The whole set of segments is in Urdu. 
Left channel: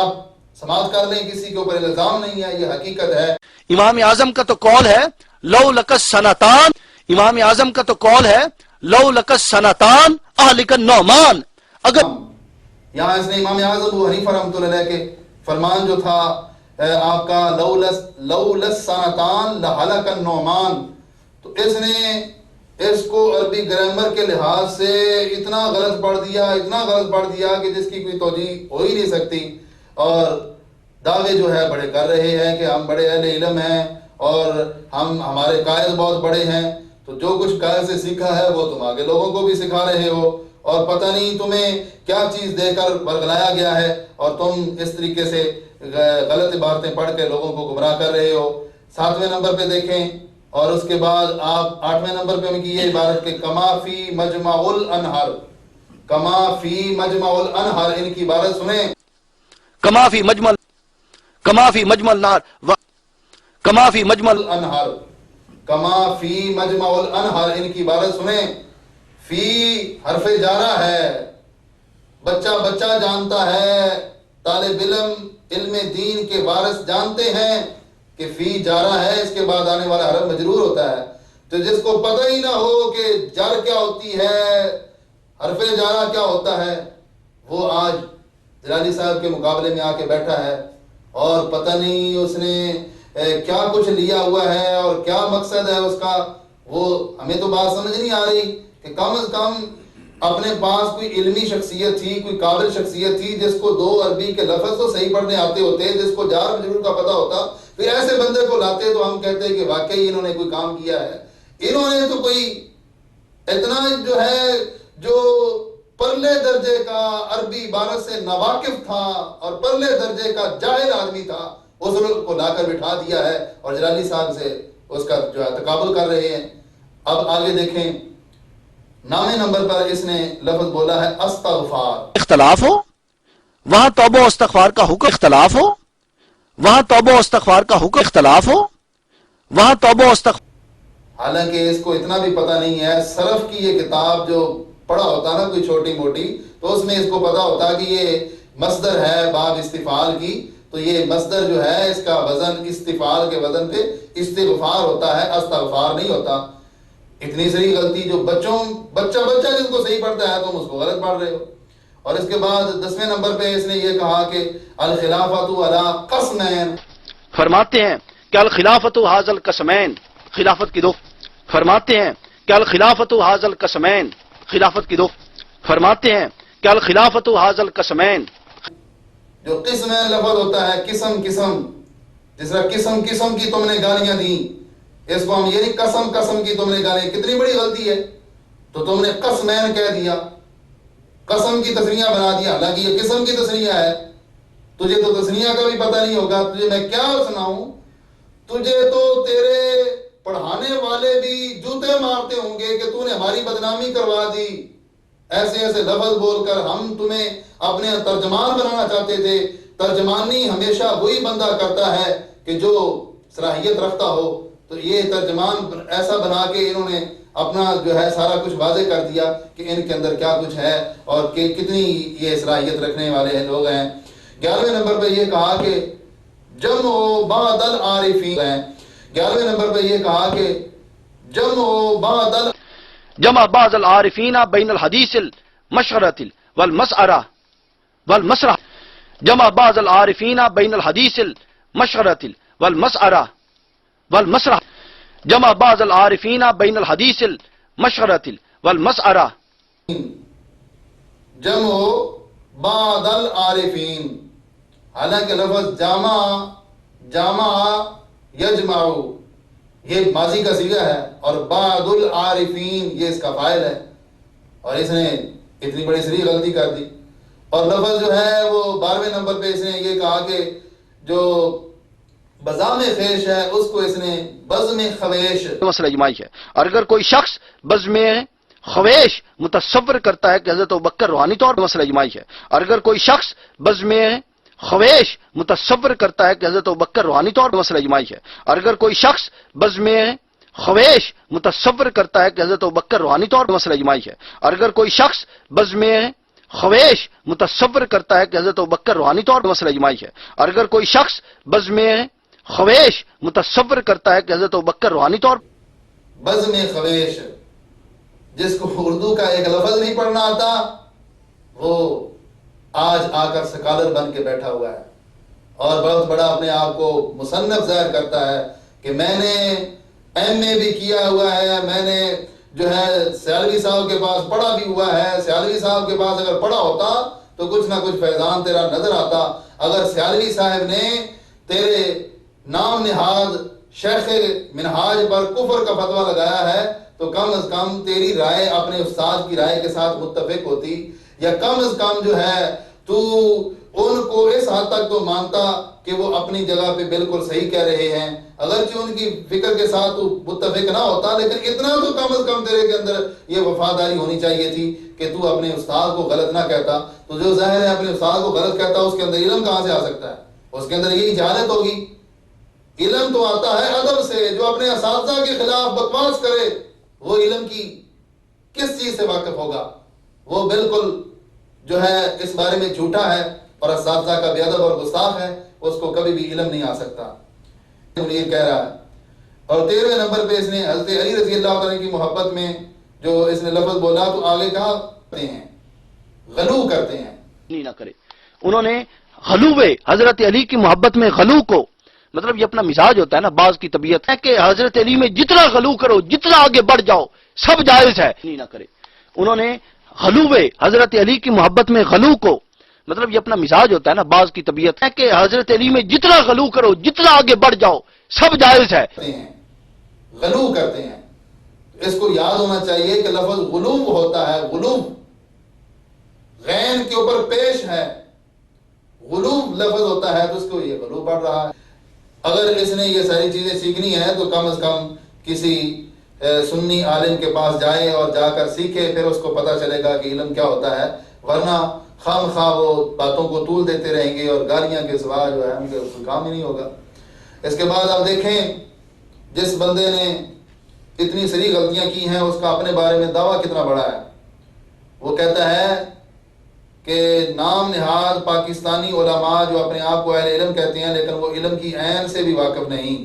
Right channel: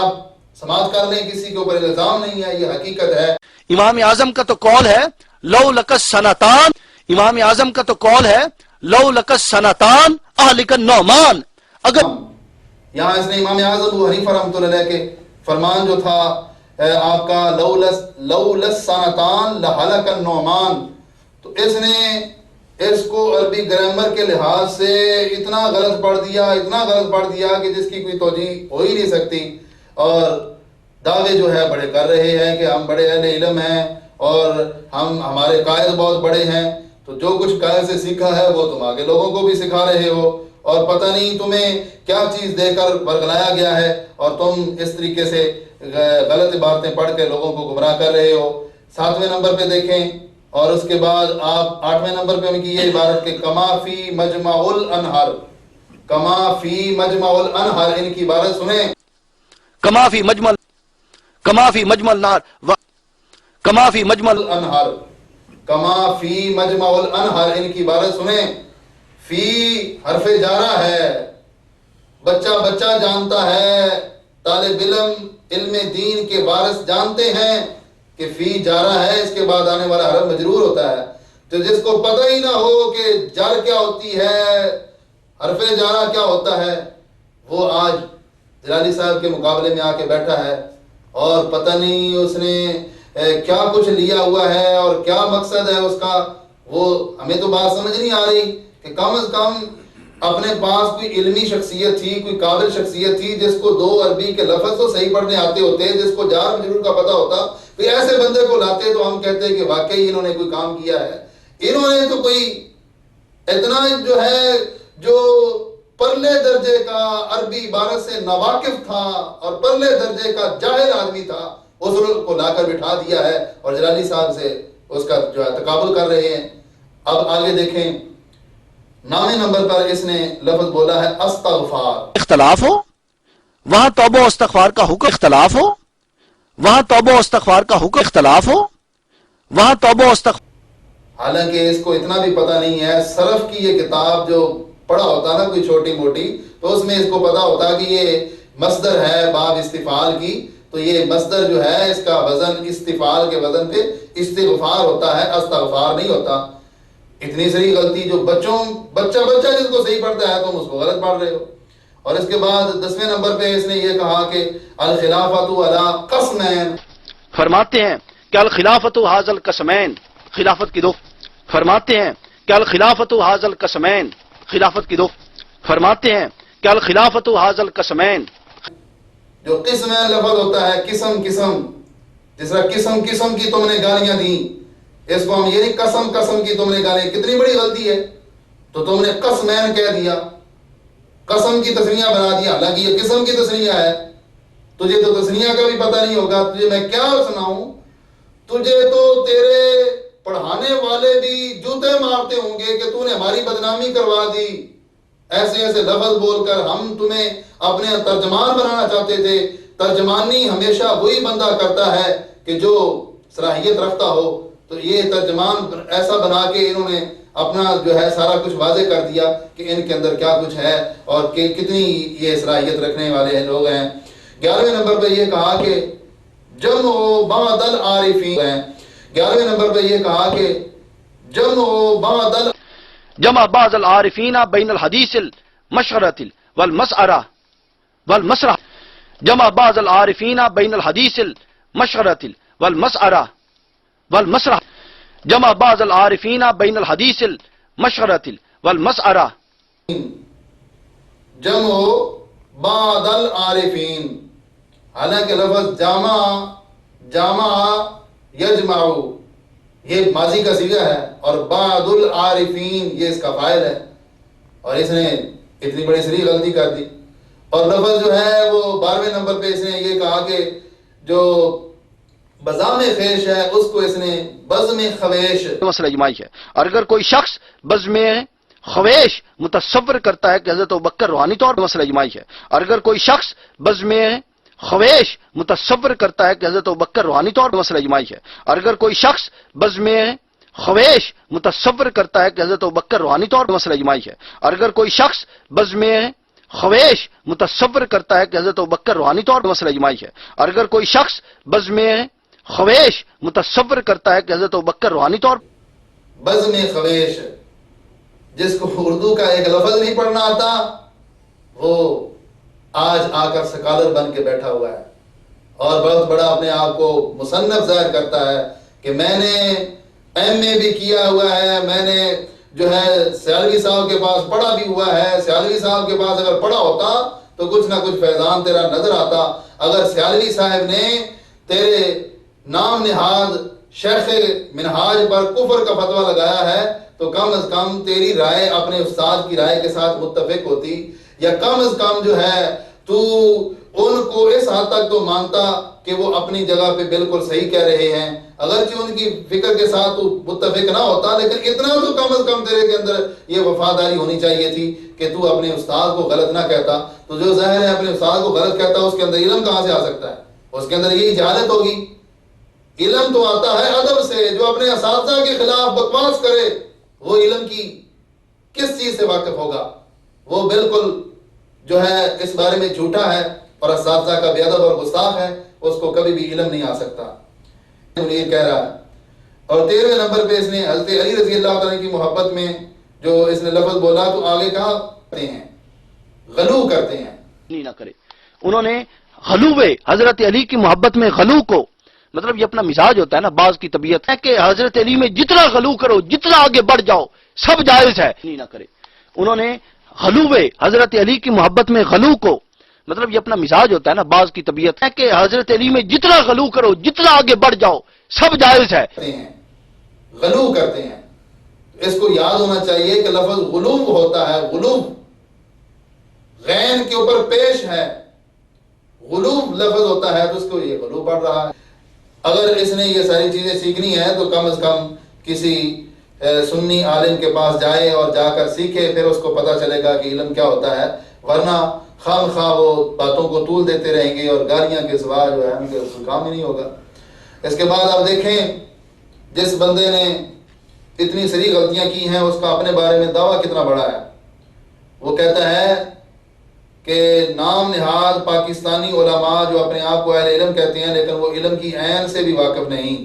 آپ سماعت کر لیں، کسی کے اوپر الزام نہیں ہے، یہ حقیقت ہے۔ امام اعظم کا تو قول ہے لو لکس سنتان، امام اعظم کا تو قول ہے لو لکس سنتان اہلک النعمان، اگر یہاں اس نے امام اعظم ابو حنیفہ رحمۃ اللہ علیہ کے فرمان جو تھا آپ کا لولس سنتان لہلک النعمان، تو اس نے اس کو عربی گرامر کے لحاظ سے اتنا غلط پڑھ دیا کہ جس کی کوئی توجیہ ہو ہی نہیں سکتی، اور دعوے جو ہے بڑے کر رہے ہیں کہ ہم بڑے اہل علم ہیں اور ہمارے قائد بہت بڑے ہیں، تو جو کچھ قائد سے سیکھا ہے وہ تم آگے لوگوں کو بھی سکھا رہے ہو، اور پتہ نہیں تمہیں کیا چیز دے کر برگلایا گیا ہے، اور تم اس طریقے سے غلط عبارتیں پڑھ کے لوگوں کو گمراہ کر رہے ہو۔ 7ویں نمبر پہ دیکھیں، اور اس کے بعد آپ 8ویں نمبر پہ ان کی یہ عبارت کہ کما فی مجمع الانہر، کما فی مجمع الانہر، ان کی عبارت سنیں، کما فی مجمل نار کما فی مجمل الانہر، کما فی مجمع الانہر، ان کی عبارت سنیں۔ فی حرف جارہ ہے، بچہ جانتا ہے، طالب علم دین کے وارث جانتے ہیں کہ فی جارہ ہے، اس کے بعد آنے والا حرف مجرور ہوتا ہے، تو جس کو پتہ ہی نہ ہو کہ جار کیا ہوتی ہے، حرف جارہ کیا ہوتا ہے، وہ آج جلالی صاحب کے مقابلے میں آ کے بیٹھا ہے، اور پتہ نہیں اس نے کیا کچھ لیا ہوا ہے اور کیا مقصد ہے اس کا، وہ ہمیں تو بات سمجھ نہیں آ رہی کہ کم از کم اپنے پاس کوئی علمی شخصیت تھی، کوئی قابل شخصیت تھی جس کو 2 عربی کے لفظ تو صحیح پڑھنے آتے ہوتے، جس کو جار مجرور کا پتہ ہوتا، تو ایسے بندے کو لاتے تو ہم کہتے کہ واقعی انہوں نے کوئی کام کیا ہے۔ انہوں نے تو کوئی اتنا جو ہے جو پرلے درجے کا عربی عبارت سے ناواقف تھا اور پرلے درجے کا جاہل آدمی تھا، اس کو لا کر بٹھا دیا ہے اور جلالی صاحب سے اس کا جو ہے تقابل کر رہے ہیں۔ اب آگے دیکھیں، 9ویں نمبر پر اس نے لفظ بولا ہے استغفار، اختلاف ہو وہاں توبہ و استغفار کا حکم، اختلاف ہو وہاں توبہ و استغفار کا حکم، اختلاف ہو وہاں توبہ و استغفار، حالانکہ اس کو اتنا بھی پتہ نہیں ہے، صرف کی یہ کتاب جو پڑھا ہوتا نا کوئی چھوٹی موٹی، تو اس میں اس کو پتہ ہوتا کہ یہ مصدر ہے باب استفعال کی، تو یہ مصدر جو ہے اس کا وزن استفعال کے وزن پہ استغفار ہوتا ہے، استغفار نہیں ہوتا۔ اتنی سری غلطی جو بچہ جس کو صحیح پڑھتا ہے تم اس کو غلط پڑھ رہے ہو۔ اور اس کے بعد 10ویں نمبر پہ اس نے یہ کہا کہ الخلافۃ علی قسمین، فرماتے ہیں کہ الخلافت حاضل قسمین، خلافت کی 2، فرماتے ہیں کہ الخلافت حاضل قسمین، خلافت کی 2، فرماتے ہیں کہ الخلافت حاضل قسمین، جو قسم لفظ ہوتا ہے قسم، جس طرح قسم کی تم نے گالیاں دیں، اس کو ہم یہ نہیں قسم کی تم نے گالیاں، کتنی بڑی غلطی ہے، تو تم نے قسمین کہہ دیا، قسم کی تسنیہ بنا دیا، حالانکہ یہ قسم کی تسنیہ ہے، تجھے تو تسنیہ کا بھی پتہ نہیں ہوگا، تجھے میں کیا سناؤں، تجھے تو تیرے پڑھانے والے بھی جوتے مارتے ہوں گے کہ تو نے ہماری بدنامی کروا دی، ایسے لفظ بول کر ہم تمہیں اپنے ترجمان بنانا چاہتے تھے۔ ترجمانی ہمیشہ وہی بندہ کرتا ہے کہ جو صلاحیت رکھتا ہو، تو یہ ترجمان ایسا بنا کے انہوں نے اپنا جو ہے سارا کچھ واضح کر دیا کہ ان کے اندر کیا کچھ ہے اور کہ کتنی یہ صلاحیت رکھنے والے ہیں لوگ ہیں۔ 11ویں نمبر پہ یہ کہا کہ جمع بعد العارفین، 11ویں نمبر پہ یہ کہا کہ جمع بعض العارفین بین الحدیث المشغرۃ والمسرح، جمع بعض العارفین بین الحدیث المشغرۃ والمسرح، جمع بعض العارفین بین الحدیث المشغرۃ والمسرح، جمع بعض العارفین، حالانکہ لفظ جامع یجمع یہ ماضی کا صیغہ ہے اور بعض العارفین یہ اس کا فاعل ہے، اور اس نے اتنی بڑی سری غلطی کر دی۔ اور لفظ جو ہے وہ 12ویں نمبر پہ اس نے یہ کہا کہ جو بزم خیش ہے اس کو اس نے بزم خویش، مسئلہ اجماعی ہے، اور اگر کوئی شخص بزم خویش متصور کرتا ہے کہ حضرت ابوبکر روحانی طور پر، مسئلہ اجماعی ہے، اور اگر کوئی شخص بزم خویش متصور کرتا ہے کہ حضرت ابوبکر روحانی طور پر، مسئلہ اجماعی ہے، اور اگر کوئی شخص بزم خویش متصور کرتا ہے کہ حضرت ابوبکر روحانی طور پر، مسئلہ اجماعی ہے، اور اگر کوئی شخص بزم خواہش متصور کرتا ہے کہ حضرت ابوبکر روحانی طور پر مسئلہ اجماعی ہے، اور اگر کوئی شخص بزم خواہش متصور کرتا ہے کہ حضرت ابوبکر روحانی طور بزم خواہش، جس کو اردو کا ایک لفظ نہیں پڑھنا آتا، وہ آج آ کر سکالر بن کے بیٹھا ہوا ہے اور بہت بڑا اپنے آپ کو مصنف ظاہر کرتا ہے کہ میں نے ایم اے بھی کیا ہوا ہے، میں نے جو ہے سیالوی صاحب کے پاس پڑھا بھی ہوا ہے، سیالوی صاحب کے پاس اگر پڑھا ہوتا تو کچھ نہ کچھ فیضان تیرا نظر آتا۔ اگر سیالوی صاحب نے تیرے نام نہاد شیخ منہاج پر کفر کا فتویٰ لگایا ہے تو کم از کم تیری رائے اپنے استاد کی رائے کے ساتھ متفق ہوتی، یا کم از کم جو ہے تو ان کو اس حد تک تو مانتا کہ وہ اپنی جگہ پہ بالکل صحیح کہہ رہے ہیں، اگرچہ ان کی فکر کے ساتھ تو متفق نہ ہوتا، لیکن اتنا تو کم از کم تیرے کے اندر یہ وفاداری ہونی چاہیے تھی کہ تو اپنے استاد کو غلط نہ کہتا۔ تو جو ظاہر ہے اپنے استاد کو غلط کہتا، اس کے اندر علم کہاں سے آ سکتا ہے؟ اس کے اندر یہی جہالت ہوگی۔ علم تو آتا ہے ادب سے، جو اپنے اساتذہ کے خلاف بکواس کرے وہ علم کی کس چیز سے واقف ہوگا؟ وہ بالکل جو ہے اس بارے میں جھوٹا ہے اور اساتذہ کا بے ادب اور گستاخ ہے، اس کو کبھی بھی علم نہیں آ سکتا۔ یہ کہہ رہا ہے۔ اور 13ویں نمبر پہ اس نے حضرت علی رضی اللہ تعالیٰ کی محبت میں جو اس نے لفظ بولا تو آگے کہا کرتے ہیں، غلو کرتے ہیں۔ نہیں نہ کرے، انہوں نے غلو حضرت علی کی محبت میں غلو کو، مطلب یہ اپنا مزاج ہوتا ہے نا، بعض کی طبیعت ہے کہ حضرت علی میں جتنا غلو کرو، جتنا آگے بڑھ جاؤ، سب جائز ہے، نہیں نہ کرے۔ انہوں نے غلو حضرت علی کی محبت میں غلو کو، مطلب یہ اپنا مزاج ہوتا ہے نا، بعض کی طبیعت ہے کہ حضرت علی میں جتنا غلو کرو، جتنا آگے بڑھ جاؤ، سب جائز ہے، غلو کرتے ہیں۔ اس کو یاد ہونا چاہیے کہ لفظ غلو ہوتا ہے، غلو غین کے اوپر پیش ہے، غلو لفظ ہوتا ہے تو اس کو یہ غلو پڑھ رہا ہے۔ اگر اس نے یہ ساری چیزیں سیکھنی ہے تو کم از کم کسی سنی عالم کے پاس جائے اور جا کر سیکھے، پھر اس کو پتہ چلے گا کہ علم کیا ہوتا ہے، ورنہ خام خواہ وہ باتوں کو طول دیتے رہیں گے اور گالیاں کے سوا جو ہے ان کے کام ہی نہیں ہوگا۔ اس کے بعد آپ دیکھیں جس بندے نے اتنی ساری غلطیاں کی ہیں اس کا اپنے بارے میں دعویٰ کتنا بڑا ہے۔ وہ کہتا ہے کہ نام نہاد پاکستانی علماء جو اپنے آپ کو اہل علم کہتے ہیں لیکن وہ علم کی عین سے بھی واقف نہیں۔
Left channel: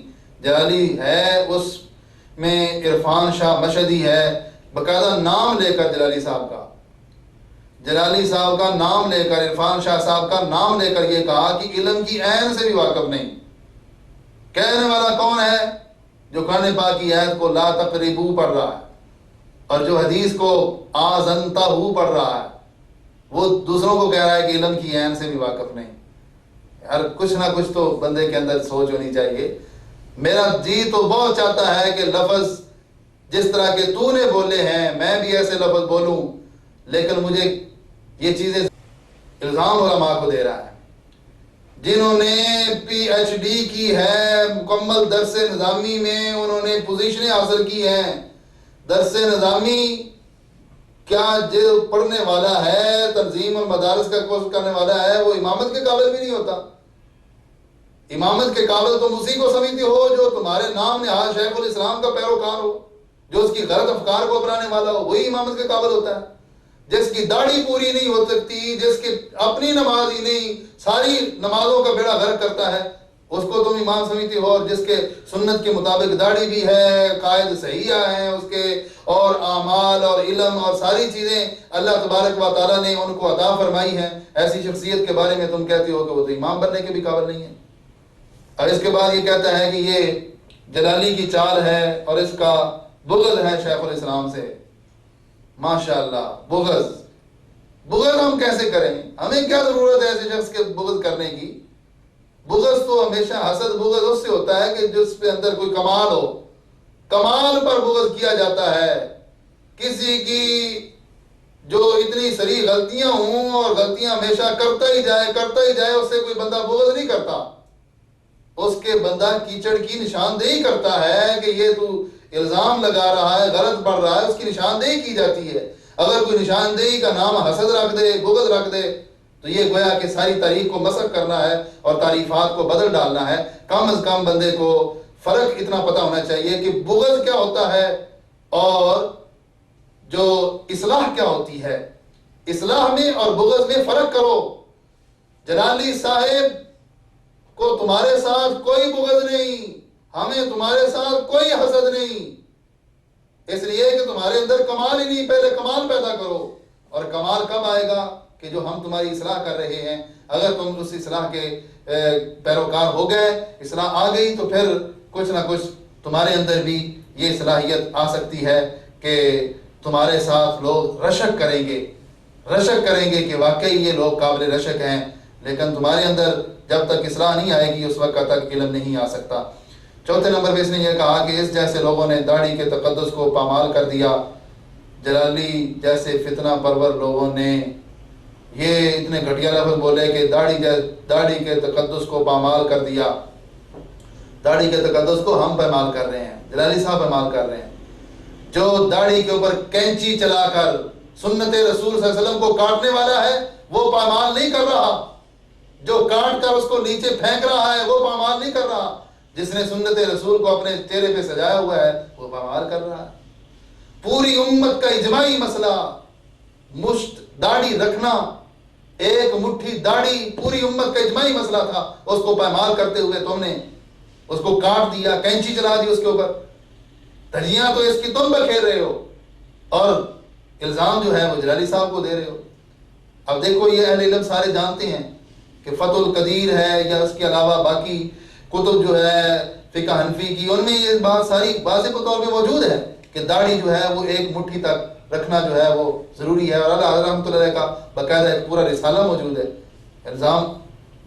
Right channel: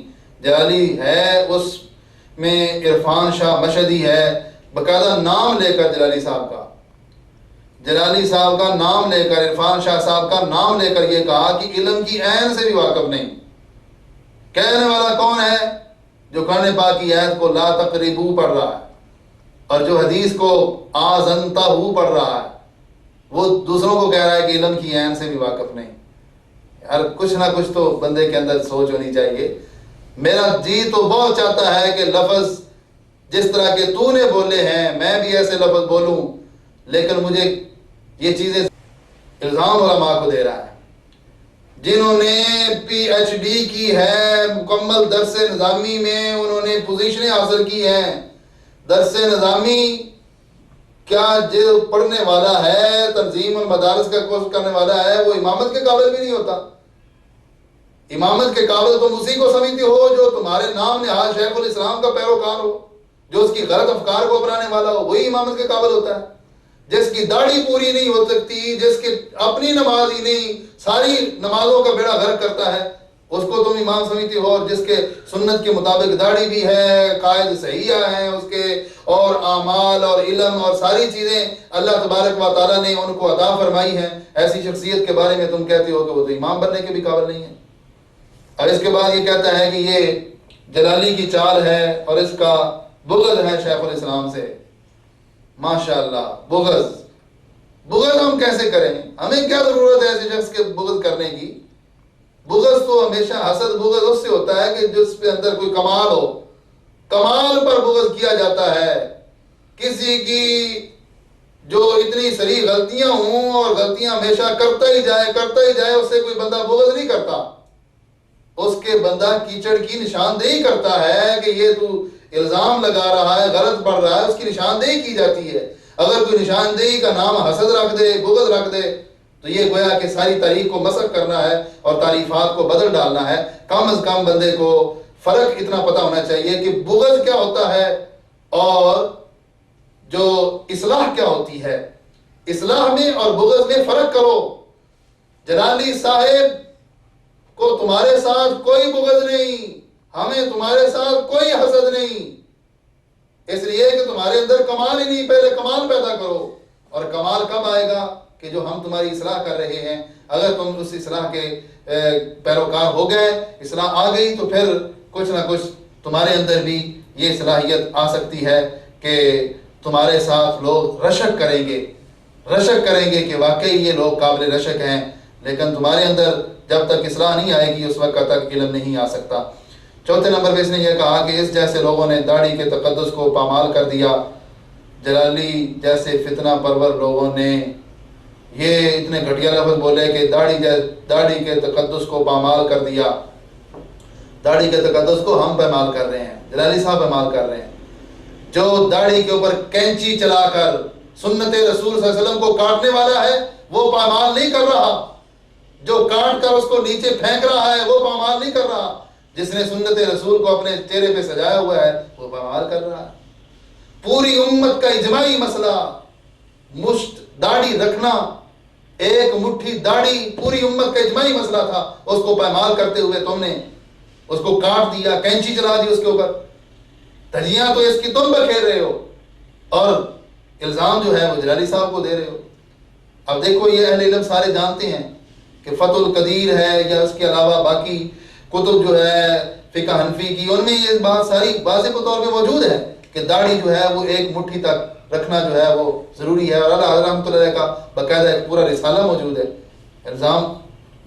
جلالی ہے، اس میں عرفان شاہ مشہدی ہے، باقاعدہ نام لے کر جلالی صاحب کا، جلالی صاحب کا نام لے کر، عرفان شاہ صاحب کا نام لے کر یہ کہا کہ علم کی عین سے بھی واقف نہیں۔ کہنے والا کون ہے؟ جو قرآن پاک کی آیت کو لا تقربو پڑھ رہا ہے اور جو حدیث کو آزنتہو پڑھ رہا ہے، وہ دوسروں کو کہہ رہا ہے کہ علم کی عین سے بھی واقف نہیں۔ یار کچھ نہ کچھ تو بندے کے اندر سوچ ہونی چاہیے۔ میرا جی تو بہت چاہتا ہے کہ لفظ جس طرح کے تو نے بولے ہیں میں بھی ایسے لفظ بولوں، لیکن مجھے یہ چیزیں الزام علماء کو دے رہا ہے جنہوں نے پی ایچ ڈی کی ہے، مکمل درس نظامی میں انہوں نے پوزیشنیں حاصل کی ہیں۔ درس نظامی کیا جو پڑھنے والا ہے، تنظیم المدارس کا کورس کرنے والا ہے، وہ امامت کے قابل بھی نہیں ہوتا۔ امامت کے قابل تم اسی کو سمجھتے ہو جو تمہارے نام نہاد شیخ الاسلام کا پیروکار ہو، جو اس کی غلط افکار کو اپنانے والا ہو، وہی امامت کے قابل ہوتا ہے۔ جس کی داڑھی پوری نہیں ہو سکتی، جس کی اپنی نماز ہی نہیں، ساری نمازوں کا بیڑا غرق کرتا ہے، اس کو تم امام سمجھتے ہو، اور جس کے سنت کے مطابق داڑھی بھی ہے، قائد صحیحہ ہیں اس کے، اور اعمال اور علم اور ساری چیزیں اللہ تبارک و تعالیٰ نے ان کو عطا فرمائی ہیں، ایسی شخصیت کے بارے میں تم کہتے ہو کہ وہ تو امام بننے کے بھی قابل نہیں ہے۔ اور اس کے بعد یہ کہتا ہے کہ یہ جلالی کی چال ہے اور اس کا بغض ہے شیخ الاسلام سے۔ ماشاءاللہ، بغض ہم کیسے کریں؟ ہمیں کیا ضرورت ہے ایسے شخص کے بغض کرنے کی؟ بغض تو ہمیشہ حسد بغض اس سے ہوتا ہے کہ جس پہ اندر کوئی کمال ہو، کمال پر بغض کیا جاتا ہے۔ کسی کی جو اتنی سری غلطیاں ہوں اور غلطیاں ہمیشہ کرتا ہی جائے، اس سے کوئی بندہ بغض نہیں کرتا، اس کے بندہ کیچڑ کی نشاندہی کرتا ہے کہ یہ تو الزام لگا رہا ہے، غلط پڑھ رہا ہے، اس کی نشاندہی کی جاتی ہے۔ اگر کوئی نشاندہی کا نام حسد رکھ دے، بغض رکھ دے، تو یہ گویا کہ ساری تاریخ کو مسخ کرنا ہے اور تعریفات کو بدل ڈالنا ہے۔ کم از کم بندے کو فرق اتنا پتہ ہونا چاہیے کہ بغض کیا ہوتا ہے اور جو اصلاح کیا ہوتی ہے۔ اصلاح میں اور بغض میں فرق کرو. جلالی صاحب کو تمہارے ساتھ کوئی بغض نہیں، ہمیں تمہارے ساتھ کوئی حسد نہیں، اس لیے کہ تمہارے اندر کمال ہی نہیں. پہلے کمال پیدا کرو. اور کمال کب آئے گا؟ کہ جو ہم تمہاری اصلاح کر رہے ہیں، اگر تم اس اصلاح کے پیروکار ہو گئے، اصلاح آ گئی، تو پھر کچھ نہ کچھ تمہارے اندر بھی یہ صلاحیت آ سکتی ہے کہ تمہارے ساتھ لوگ رشک کریں گے کہ واقعی یہ لوگ قابل رشک ہیں. لیکن تمہارے اندر جب تک اصلاح نہیں آئے گی اس وقت تک علم نہیں آ سکتا. چوتھے نمبر پہ اس نے یہ کہا کہ اس جیسے لوگوں نے داڑھی کے تقدس کو پامال کر دیا. جلالی جیسے فتنہ پرور لوگوں نے یہ اتنے گھٹیا لفظ بولے کہ داڑھی کے تقدس کو پامال کر دیا. داڑھی کے تقدس کو ہم پامال کر رہے ہیں، جلالی صاحب پامال کر رہے ہیں. جو داڑھی کے اوپر کینچی چلا کر سنت رسول صلی اللہ علیہ وسلم کو کاٹنے والا ہے وہ پامال نہیں کر رہا. جو کاٹ کر اس کو نیچے پھینک رہا ہے وہ پامال نہیں کر رہا. جس نے سنت رسول کو اپنے چہرے پہ سجایا ہوا ہے وہ پامال کر رہا ہے. پوری امت کا اجماعی مسئلہ مشت داڑھی رکھنا، ایک مٹھی داڑھی پوری امت کا اجماعی مسئلہ تھا. اس کو پامال کرتے ہوئے تم نے اس کو کاٹ دیا، کینچی چلا دی اس کے اوپر. دھجیاں تو اس کی تم بکھیر رہے ہو اور الزام جو ہے وہ جلالی صاحب کو دے رہے ہو. اب دیکھو یہ اہل علم سارے جانتے ہیں کہ فتح القدیر ہے یا اس کے علاوہ باقی کتب جو ہے فقہ حنفی کی، ان میں یہ بات ساری واضح طور پہ موجود ہے کہ داڑھی جو ہے وہ ایک مٹھی تک رکھنا جو ہے وہ ضروری ہے. اور اللہ رحمۃ اللہ کا باقاعدہ ایک پورا رسالہ موجود ہے. الزام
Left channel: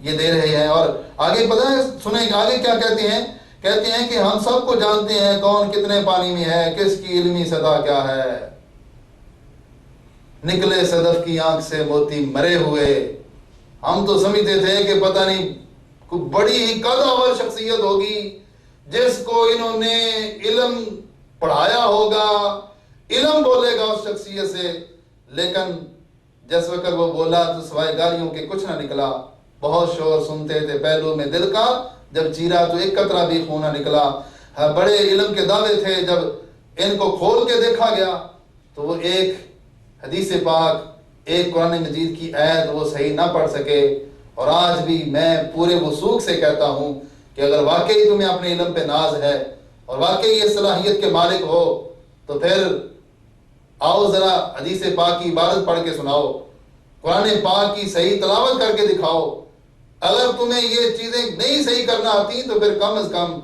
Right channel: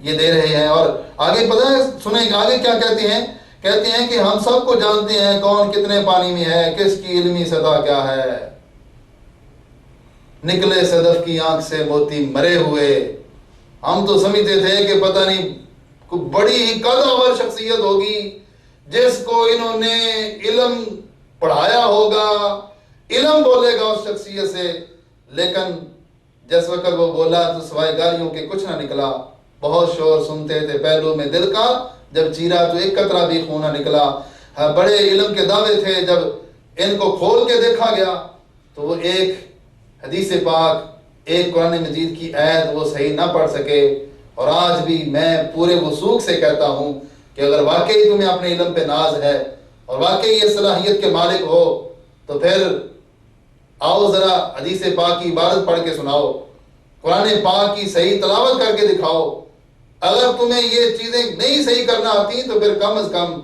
یہ دے رہے ہیں. اور آگے پتہ ہے سنیں آگے کیا کہتے ہیں کہ ہم سب کو جانتے ہیں کون کتنے پانی میں ہے، کس کی علمی سطح کیا ہے. نکلے صدف کی آنکھ سے موتی مرے ہوئے. ہم تو سمجھتے تھے کہ پتہ نہیں کوئی بڑی ہی قدآور شخصیت ہوگی جس کو انہوں نے علم پڑھایا ہوگا، علم بولے گا اس شخصیت سے. لیکن جس وقت وہ بولا تو سوائے گالیوں کے کچھ نہ نکلا. بہت شور سنتے تھے پہلو میں دل کا، جب چیرا تو ایک قطرہ بھی خون نہ نکلا. بڑے علم کے دعوے تھے، جب ان کو کھول کے دیکھا گیا تو وہ ایک حدیث پاک، ایک قرآن مجید کی آیت وہ صحیح نہ پڑھ سکے. اور آج بھی میں پورے وثوق سے کہتا ہوں کہ اگر واقعی تمہیں اپنے علم پہ ناز ہے اور واقعی یہ صلاحیت کے مالک ہو تو پھر آؤ ذرا حدیث پاک کی عبارت پڑھ کے سناؤ، قرآن پاک کی صحیح تلاوت کر کے دکھاؤ. اگر تمہیں یہ چیزیں نہیں صحیح کرنا آتی تو پھر کم از کم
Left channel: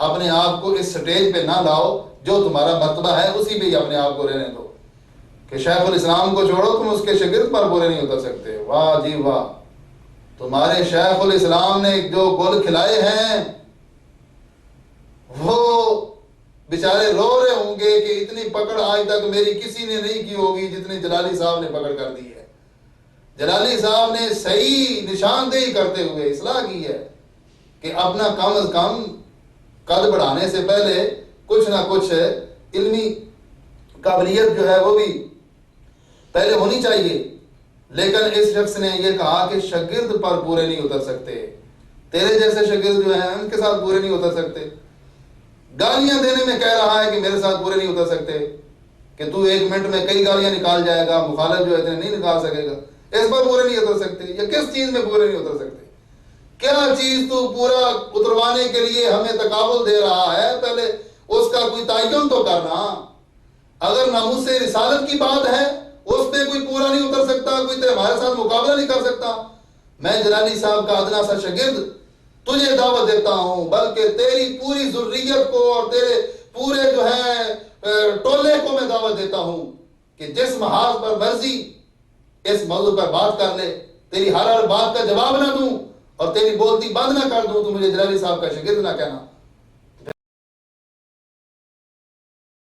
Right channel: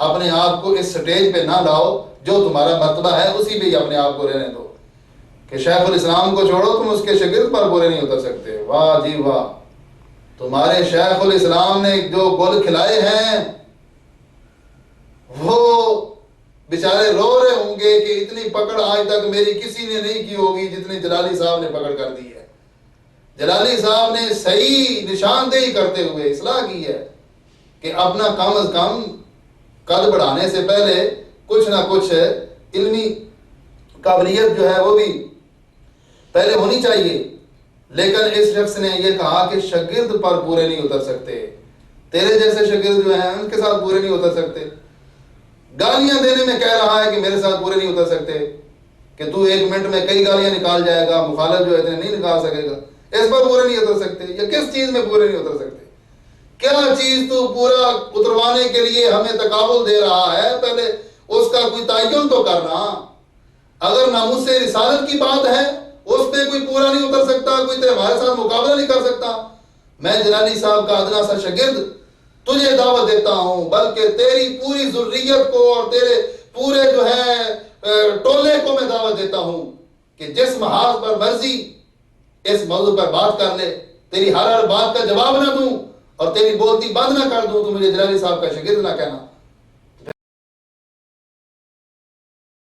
اپنے آپ کو اس سٹیج پہ نہ لاؤ، جو تمہارا مرتبہ ہے اسی پہ ہی اپنے آپ کو رہنے دو. کہ شیخ الاسلام کو چھوڑو تم اس کے شاگرد پر برے نہیں اتر سکتے. واہ جی واہ، تمہارے شیخ الاسلام نے جو گل کھلائے ہیں وہ بیچارے رو رہے ہوں گے کہ اتنی پکڑ آج تک میری کسی نے نہیں کی ہوگی جتنی جلالی صاحب نے پکڑ کر دی ہے. جلالی صاحب نے صحیح نشاندہی کرتے ہوئے اصلاح کی ہے کہ اپنا کم از کم قد بڑھانے سے پہلے کچھ نہ کچھ علمی قابلیت جو ہے وہ بھی پہلے ہونی چاہیے. لیکن اس شخص نے یہ کہا کہ شاگرد پر پورے نہیں اتر سکتے. تیرے جیسے شاگرد جو ہیں ان کے ساتھ پورے نہیں اتر سکتے. گالیاں دینے میں کہہ رہا ہے کہ میرے ساتھ پورے نہیں اتر سکتے، کہ تو ایک منٹ میں کئی گالیاں نکال جائے گا، مخالف جو ہے اتنے نہیں نکال سکے گا. اس پر پورے نہیں اتر سکتے. یا کس چیز میں پورے نہیں اتر سکتے؟ کیا چیز تو پورا اتروانے کے لیے ہمیں تقابل دے رہا ہے؟ پہلے اس کا کوئی تعین تو کرنا. اگر ناموس رسالت کی بات ہے اس پہ کوئی پورا نہیں اتر سکتا، کوئی ہمارے ساتھ مقابلہ نہیں کر سکتا. میں جلالی صاحب کا ادنا سا شاگرد تجھے دعوت دیتا ہوں، بلکہ تیری پوری ذریت کو اور تیرے پورے جو ہے ٹولے کو میں دعوت دیتا ہوں کہ جس محاذ پر مرضی اس موضوع پر بات کر لے. تیری ہر بات کا جواب نہ دوں اور تیری بولتی بند نہ کر دوں تو مجھے جلالی صاحب کا شاگرد نہ کہنا.